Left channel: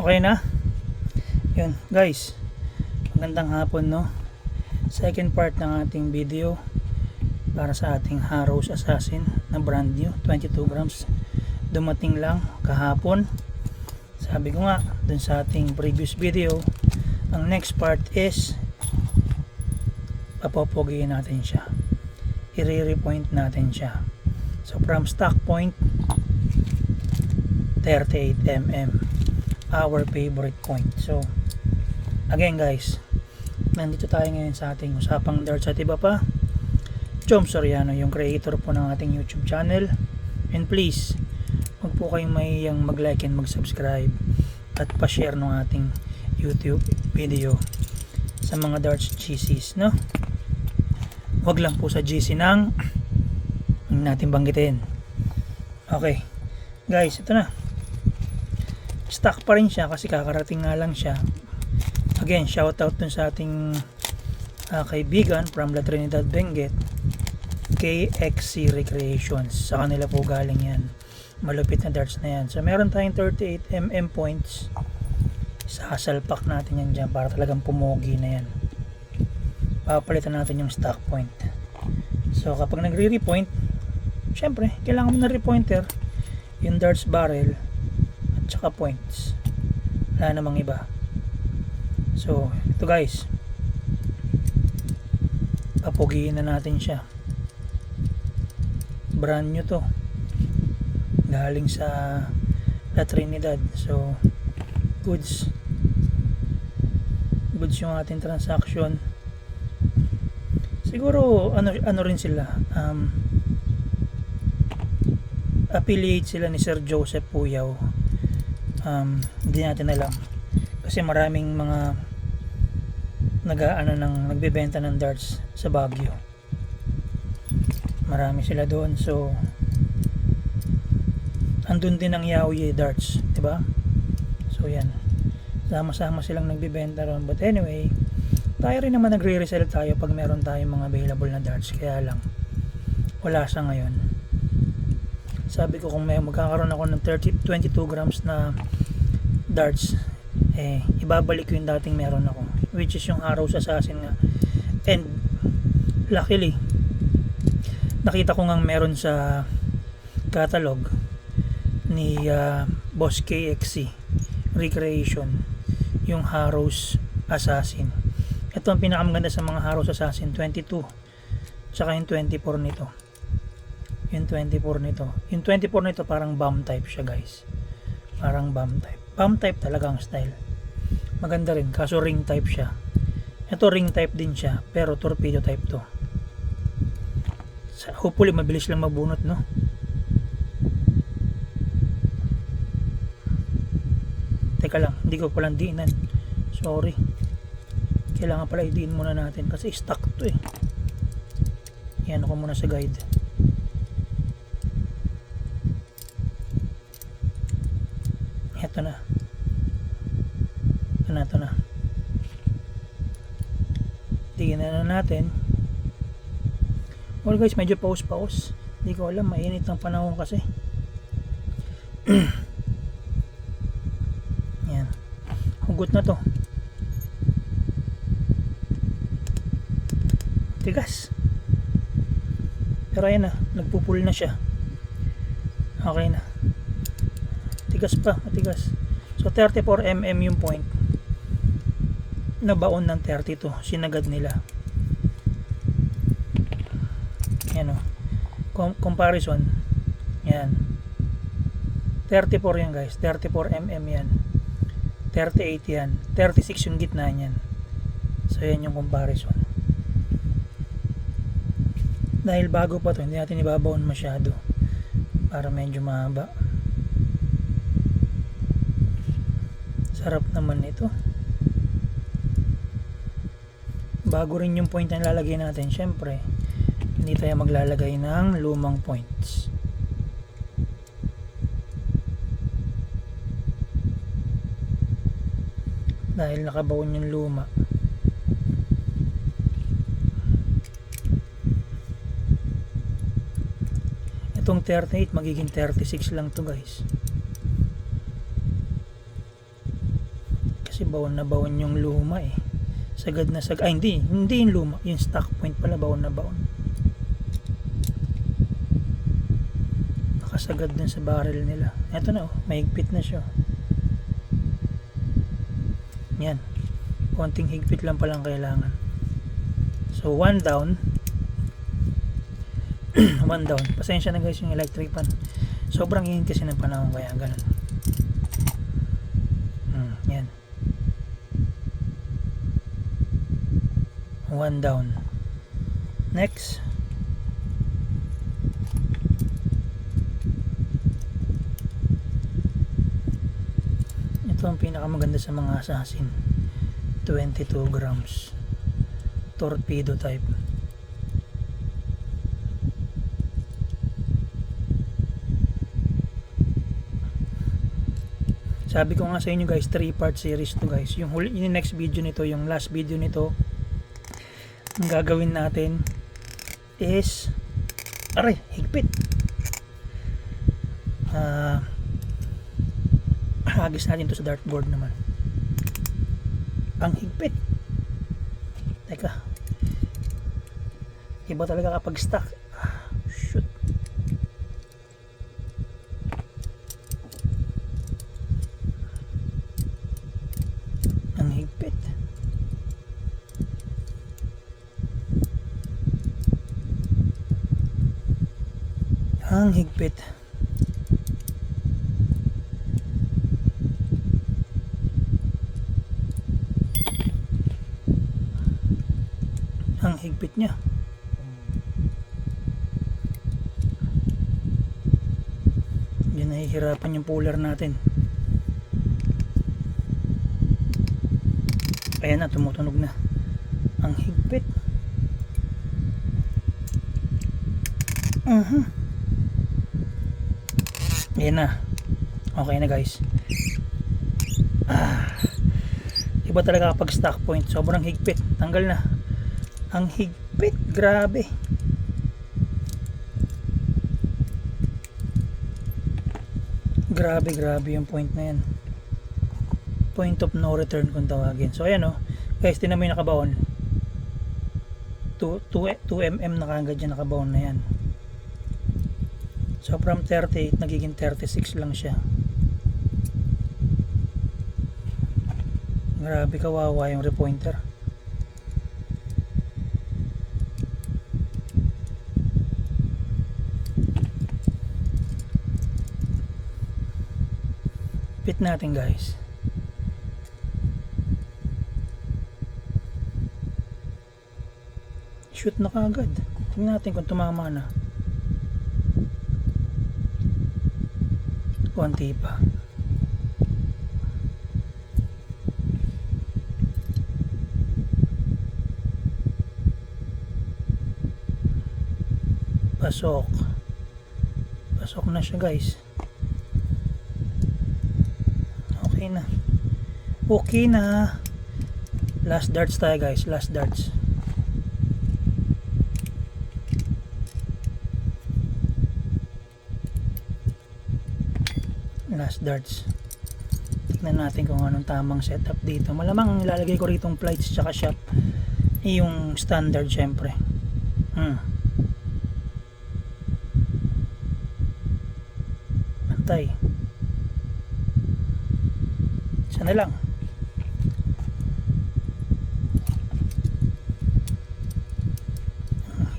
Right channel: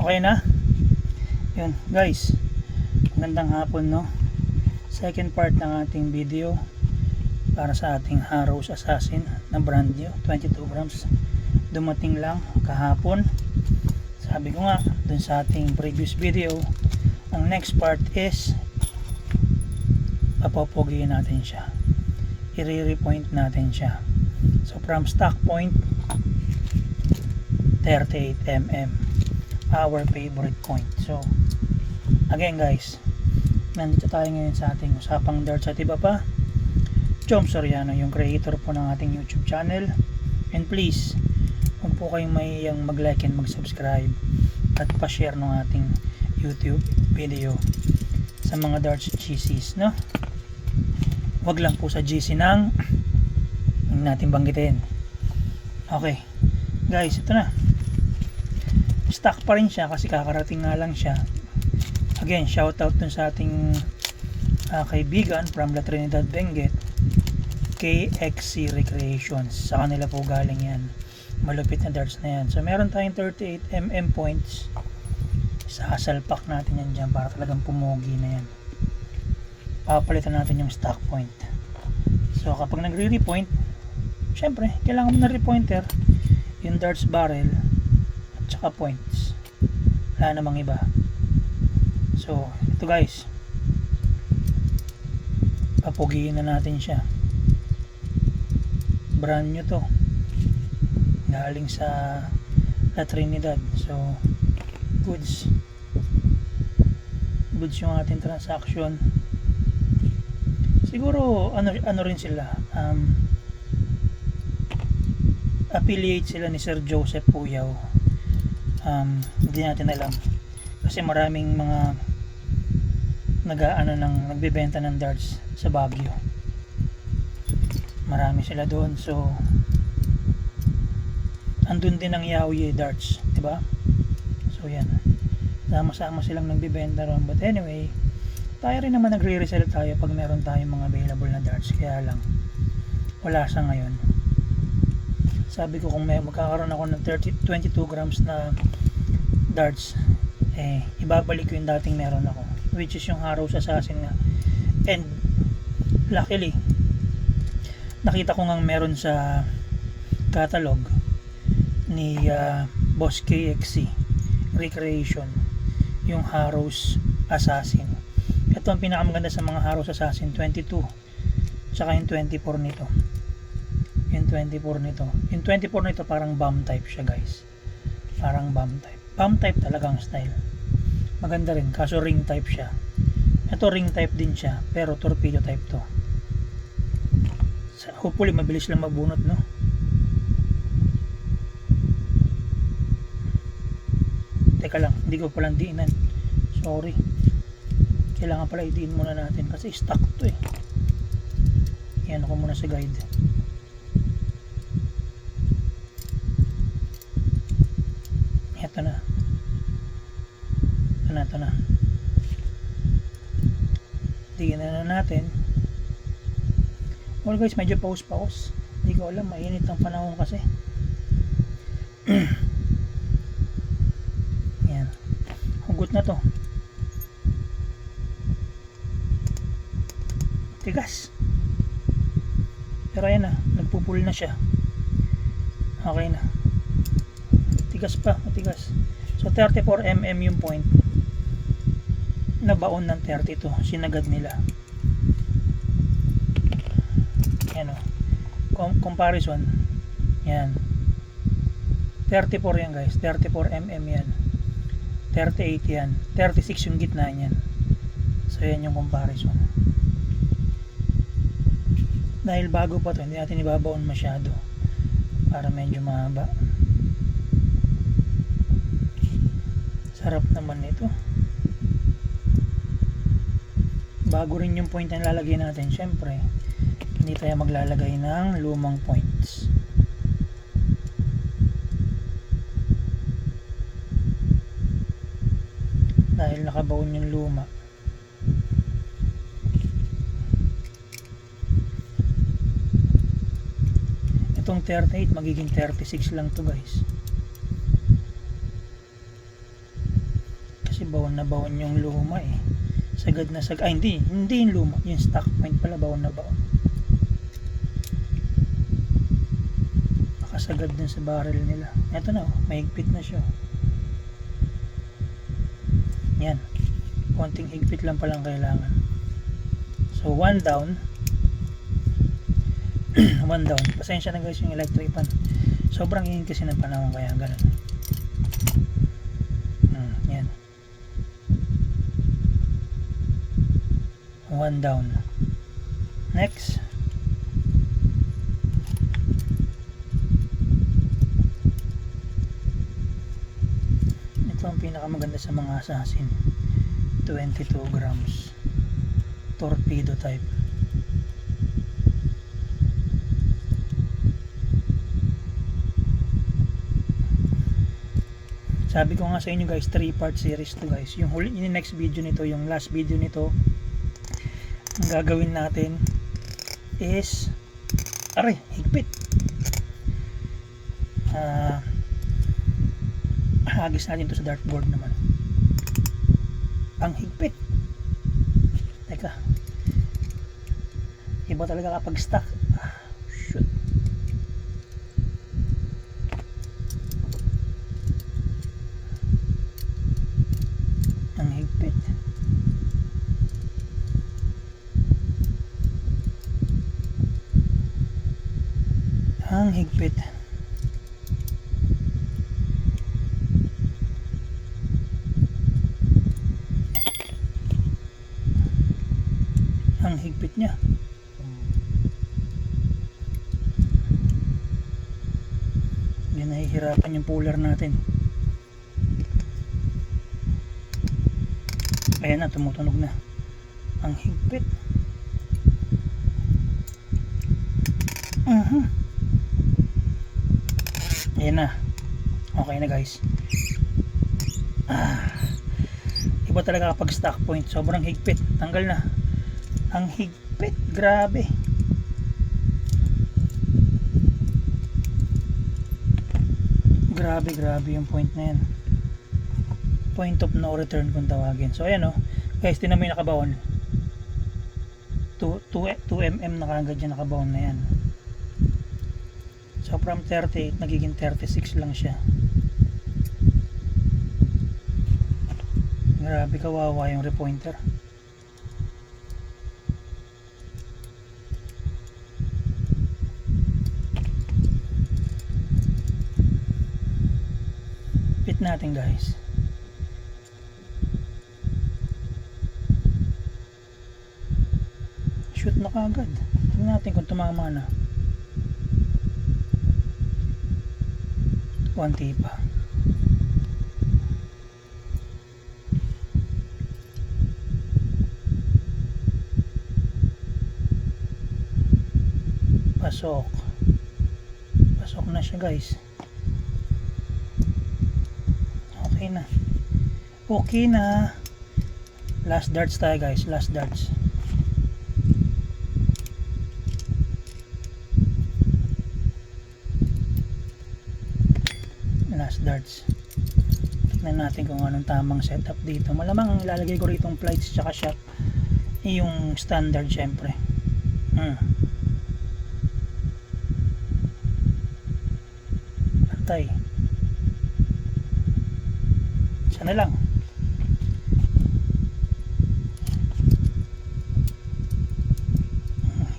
Okay na? Yun guys, magandang hapon, no? Second part ng ating video para sa ating Harrow's Assassin na brand new 22 grams. Dumating lang kahapon. Sabi ko nga dun sa ating previous video, ang next part is papopogihin natin siya, i-repoint natin siya. So from stock point 38mm, our favorite point. So again guys, nandito tayo ngayon sa ating usapang darts at iba pa. Chom Soriano, yung creator po ng ating YouTube channel, and please huwag po kayong mahihiyang mag-like and mag-subscribe at pa-share ng ating YouTube video sa mga darts GCs, no? Huwag lang po sa GC ng hindi natin banggitin. Okay guys, ito na, stock pa rin siya kasi kakarating nga lang siya. Again, shout out dun sa ating kaibigan from La Trinidad, Benguet, KXC Recreations. Sa kanila po galing yan, malupit na darts na yan. So meron tayong 38mm points, sasalpak natin yan dyan para talagang pumogi na yan. Papalitan natin yung stock point. So kapag nagre-repoint, syempre kailangan mo na repointer, yung darts barrel at saka points, wala namang iba. So ito guys, papugiin na natin siya. Brand new to, galing sa La Trinidad. So goods yung ating transaction. Siguro ano rin sila, affiliate sila ni Sir Joseph Puyaw. Hindi natin alam kasi maraming mga nagbebenta ng darts sa Baguio. Marami sila doon. So andun din ang Yaoye darts, diba? So yan, sama-sama silang nagbebenta ron. But anyway, tayo rin naman nagre-resell tayo pag meron tayong mga available na darts. Kaya lang wala sa ngayon. Sabi ko kung may magkakaroon ako ng 22 grams na darts, ibabalik ko yung dating meron ako, which is yung Harrow's Assassin nga. And luckily nakita ko ngang meron sa catalog ni Boss KXC Recreation yung Harrow's Assassin. Ito ang pinakamaganda sa mga Harrow's Assassin, 22 tsaka yung 24 nito. Yung 24 nito, yung 24 nito parang bomb type siya guys, parang bomb type talagang style. Maganda rin, kaso ring type siya. Ito ring type din siya, pero torpedo type to. Hopefully mabilis lang mabunot, no? Teka lang, hindi ko palang diinan, sorry. Kailangan pala idiin muna natin kasi stuck to eh. Yan ako muna sa guide. Ito na. Tingnan na natin. Well guys, medyo pause. Hindi ko alam, mainit ang panahon kasi. Yan. Hugot na to. Tigas. Pero ayan na, nagpupul na siya. Okay na. Matigas. So 34mm yung point, nabaon ng 32, sinagad nila. Yan o, comparison yan, 34 yan guys, 34mm yan, 38 yan, 36 yung gitna yan. So yan yung comparison. Dahil bago pa to, hindi natin ibabaon masyado para medyo mahaba. Sarap naman ito. Bago rin yung point na lalagay natin, syempre hindi tayo maglalagay ng lumang points. Dahil nakabaon yung luma. Itong 38 magiging 36 lang to guys. kasi bawon na bawon yung luma eh. Sagad na sagad. Ay hindi yung luma, yung stock point pala bawon na bawon. Nakasagad dun sa barrel nila. Eto na oh, mahigpit na siya. Yan. Konting higpit lang palang kailangan. So one down. One down. Pasensya na guys yung electric fan. Sobrang init kasi ng panahon kaya ganun. Yan. One down. Next. Ito ang pinakamaganda sa mga assassin. 22 grams. Torpedo type. Sabi ko nga sa inyo guys, 3-part series to guys. Yung next video nito, yung last video nito, ang gagawin natin is aray, higpit. Hagis natin to sa dartboard naman. Ang higpit. Teka. Iba talaga kapag stuck. Shoot. Ang higpit. Ang higpit. Ang higpit niya. Hindi nahihirapan yung puller natin. Ayan na, tumutunog na. Ang higpit. Ayan na. Okay na guys. Iba talaga kapag stock point. Sobrang higpit. Tanggal na. Ang higpit. Grabe. Grabe yung point na yan. Point of no return kung tawagin. So ayan o. Guys, tinan mo yung nakabaon. 2mm na kagad yung nakabaon na yan. So from 38 nagiging 36 lang siya. Grabe, kawawa yung repointer. Pit natin guys. Shoot na kagad. Tingnan natin kung tumama na. Konti pa. Pasok. Pasok na siya guys. Okay na. Okay na. Last darts tayo guys. Last darts. Last darts. Tignan natin kung anong tamang setup dito. Malamang ilalagay ko rito yung flights tsaka shot. Yung standard syempre. Pantay. Sana lang.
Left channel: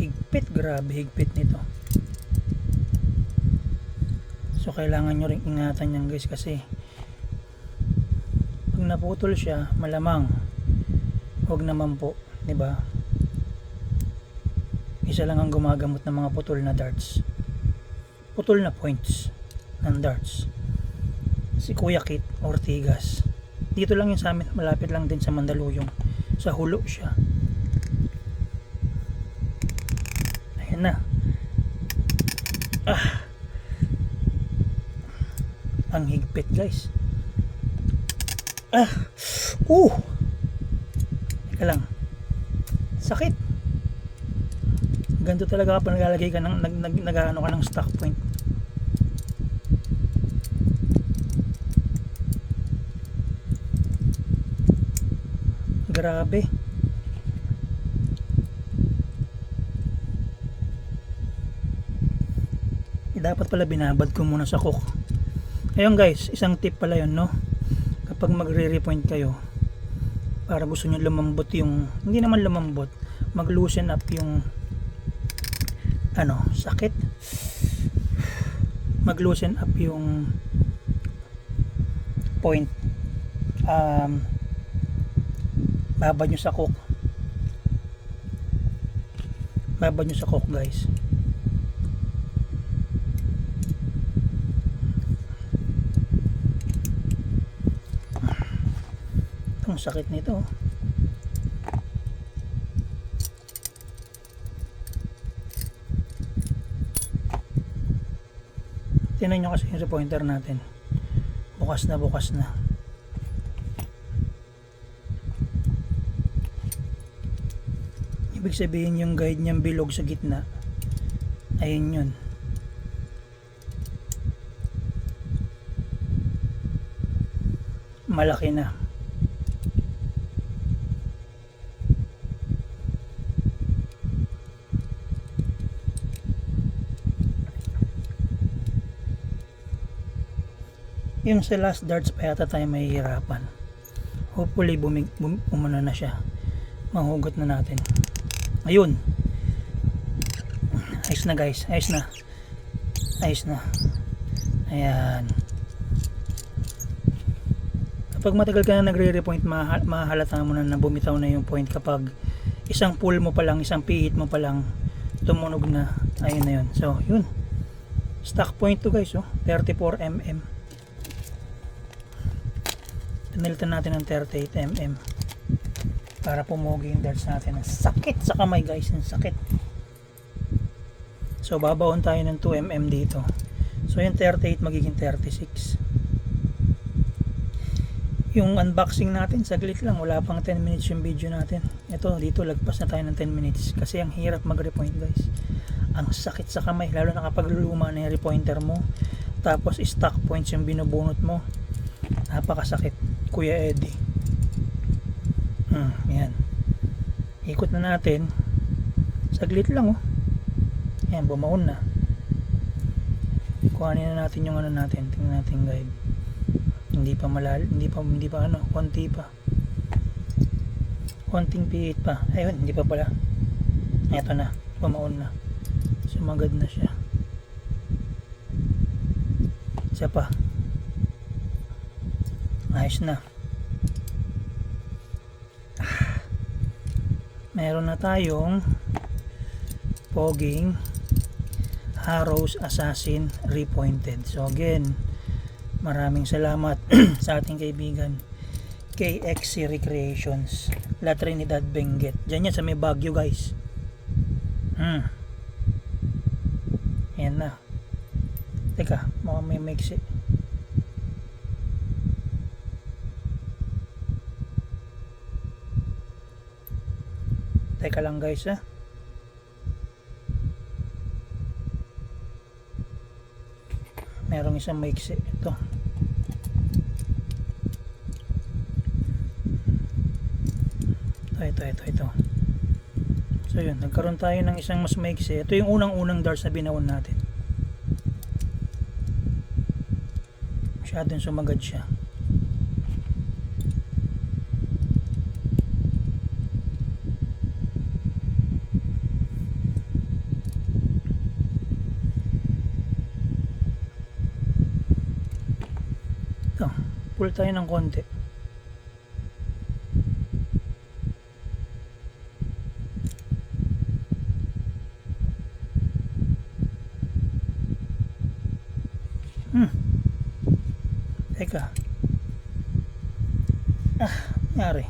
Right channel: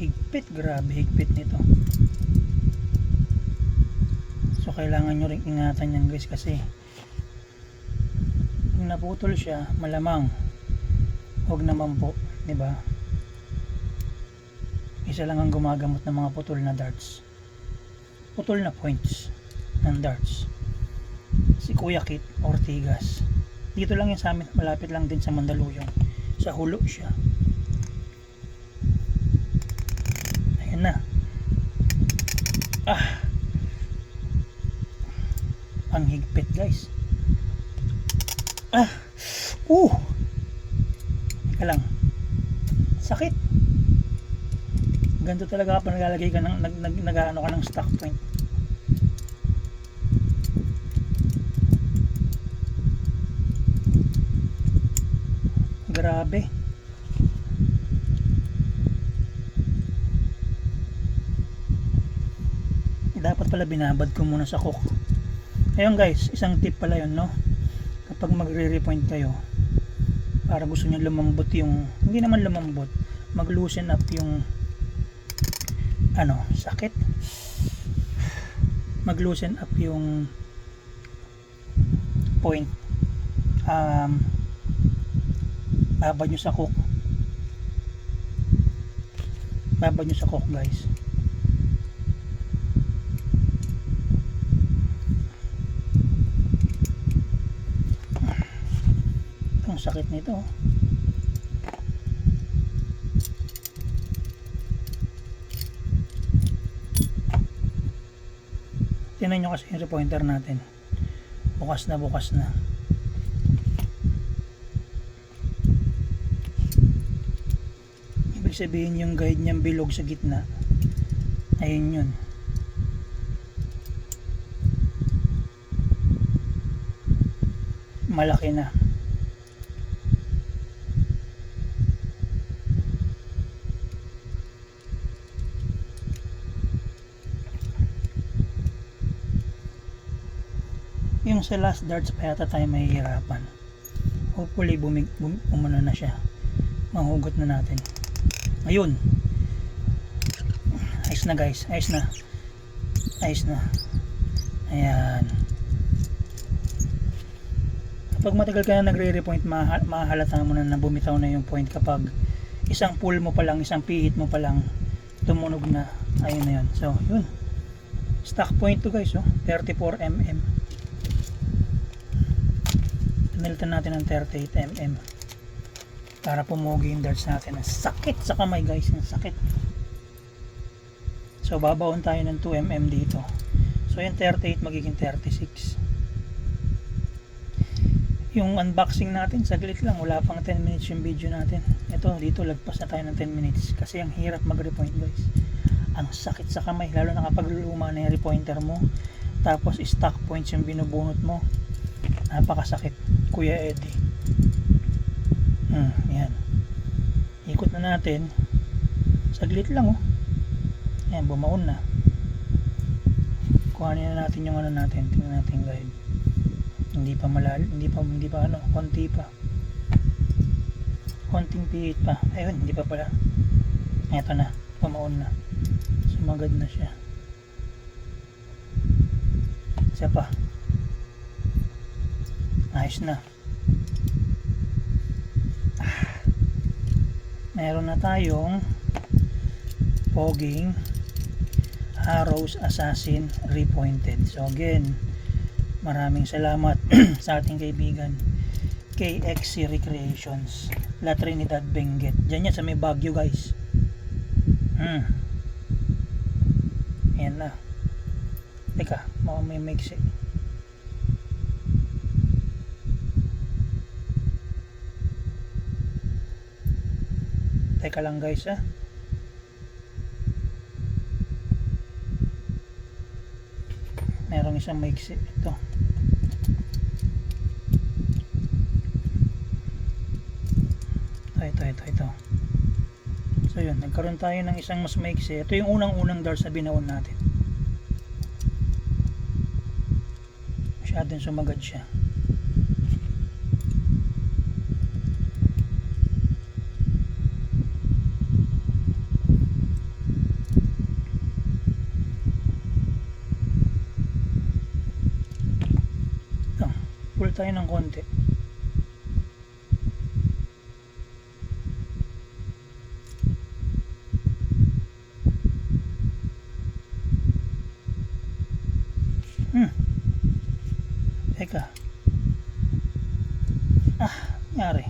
Higpit. Grabe higpit nito. So kailangan nyo rin ingatan yan guys, kasi kung naputol siya, malamang huwag naman po, diba? Isa lang ang gumagamot ng mga putol na darts, putol na points ng darts, si Kuya Kit Ortigas. Dito lang yung sa amin, malapit lang din sa Mandaluyong, sa Hulo siya. Ayan na. Ang higpit guys. Teka lang. Sakit. Ganito talaga kapag naglalagay ka ng nag-ano ka ng stock point. Grabe. Dapat pala binabad ko muna sa cook. Ayun guys, isang tip pala yun, no? Kapag magre-repoint kayo, para gusto nyo lumambot yung, hindi naman lumambot, mag-loosen up yung sakit, mag-loosen up yung point, babad nyo sa cook, guys. Ang sakit nito. Tingnan nyo kasi yung repointer natin, bukas na. Ibig sabihin yung guide niyang bilog sa gitna, ayun yun. Malaki na. Yung sa last darts pa yata tayo mahihirapan. Hopefully umano na siya, mahugot na natin. Ayun, ayos na guys, ayos na. Ayan. Kapag matagal ka na nagre-repoint, mahalata mo na bumitaw na yung point kapag isang pull mo pa lang, isang pihit mo pa lang, tumunog na. Ayun na yun. So yun, stock point to guys, 34mm. Nilitan natin ng 38mm para pumugi yung darts natin. Ang sakit sa kamay guys, ang sakit. So babaon tayo ng 2mm dito. So yung 38 magiging 36. Yung unboxing natin saglit lang, wala pang 10 minutes yung video natin. Ito dito lagpas na tayo ng 10 minutes kasi ang hirap mag-repoint guys. Ang sakit sa kamay, lalo na kapag luma na yung repointer mo, tapos stock points yung binubunot mo. Napakasakit, Kuya Eddie. Yan. Ikot na natin. Saglit lang Ayan, bumaon na. Kuhanin na natin yung natin. Tingnan natin guide. Hindi pa konti pa. Konting pihit pa. Ayun, hindi pa pala. Eto na, bumaon na. Sumagad na siya. Isa pa. Ayos na. Meron na tayong Poging Arrows Assassin Repointed. So again, maraming salamat sa ating kaibigan KXC Recreations, La Trinidad, Benguet. Diyan yan sa may Baguio guys. Yan na. Teka, baka may mix it. Teka lang guys merong isang maiksi ito. Ito. So yun, nagkaroon tayo ng isang mas maiksi. Ito yung unang darts na binaon natin. Masyadong sumagad siya. Pull tayo ng konti. Teka. Nangyari.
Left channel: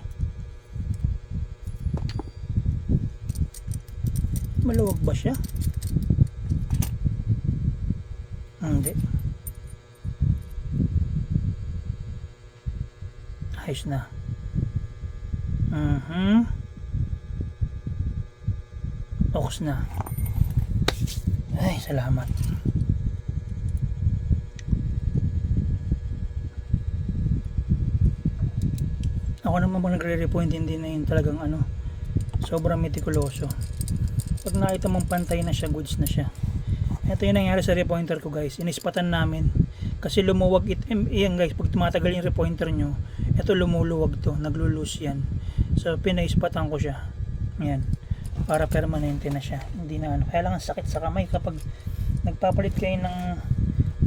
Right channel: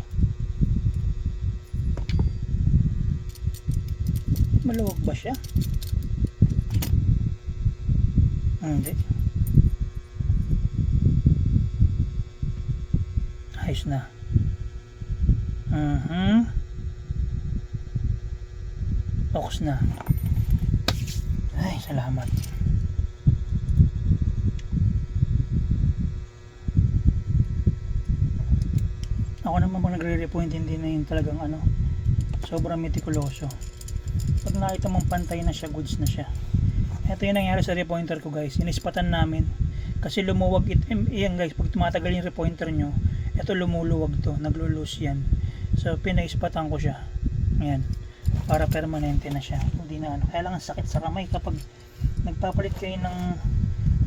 Maluwag ba siya? Hindi. Ayos na. Focus na. Ay, salamat. Ako naman pag nagre-repoint, hindi na yun talagang ano, sobrang metikuloso. Pag nakita mong pantay na siya, goods na siya. Ito yung nangyari sa repointer ko guys, inispatan namin kasi lumuwag yan guys, pag tumatagal yung repointer nyo, ito lumuluwag to, naglulus yan. So pinaispatan ko siya, yan, para permanente na siya, hindi na ano. Kailangan sakit sa kamay kapag nagpapalit kayo ng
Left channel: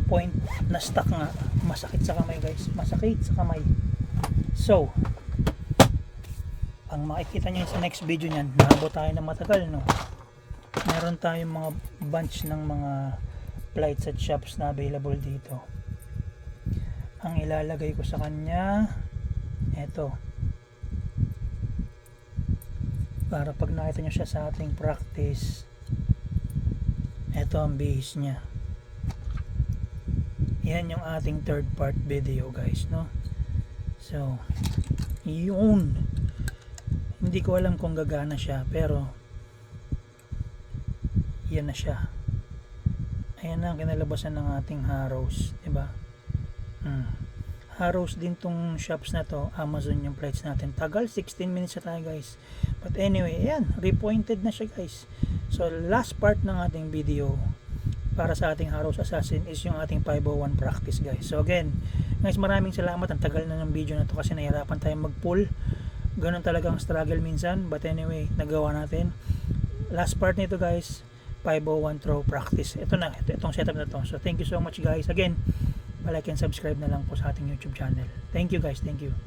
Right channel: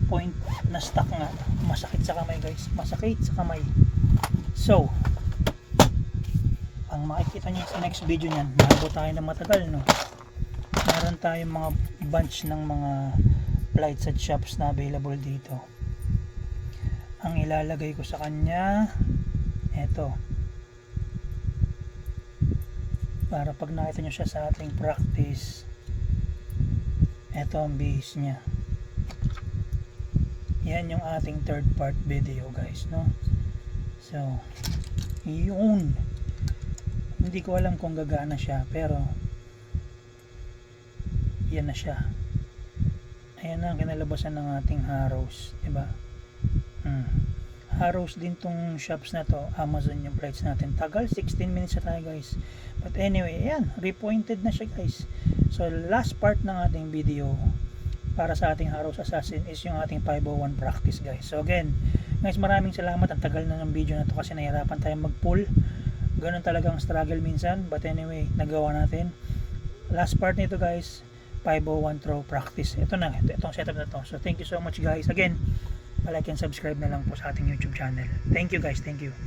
point na stock nga, masakit sa kamay guys, masakit sa kamay. So ang makikita nyo sa next video nyan, naabot tayo na matagal, no? Meron tayong mga bunch ng mga plights at shops na available dito. Ang ilalagay ko sa kanya, eto, para pag nakita nyo siya sa ating practice, eto ang base nya. Yan yung ating third part video guys, no? So yun, hindi ko alam kung gagana siya, pero yan na siya. Ayan na ang kinalabasan ng ating Harrows, diba? Harrows din tong shops na to, Amazon yung plights natin. Tagal, 16 minutes na tayo guys. But anyway, ayan, repointed na siya guys. So last part ng ating video para sa ating Harrows Assassin is yung ating 501 practice guys. So again guys, maraming salamat. Ang tagal na ng video na to kasi nahirapan tayong mag-pull. Ganun talagang struggle minsan, but anyway, nagawa natin. Last part nito guys, 501 throw practice. Ito na, itong setup na to. So thank you so much guys. Again, like and subscribe na lang po sa ating YouTube channel. Thank you guys, thank you.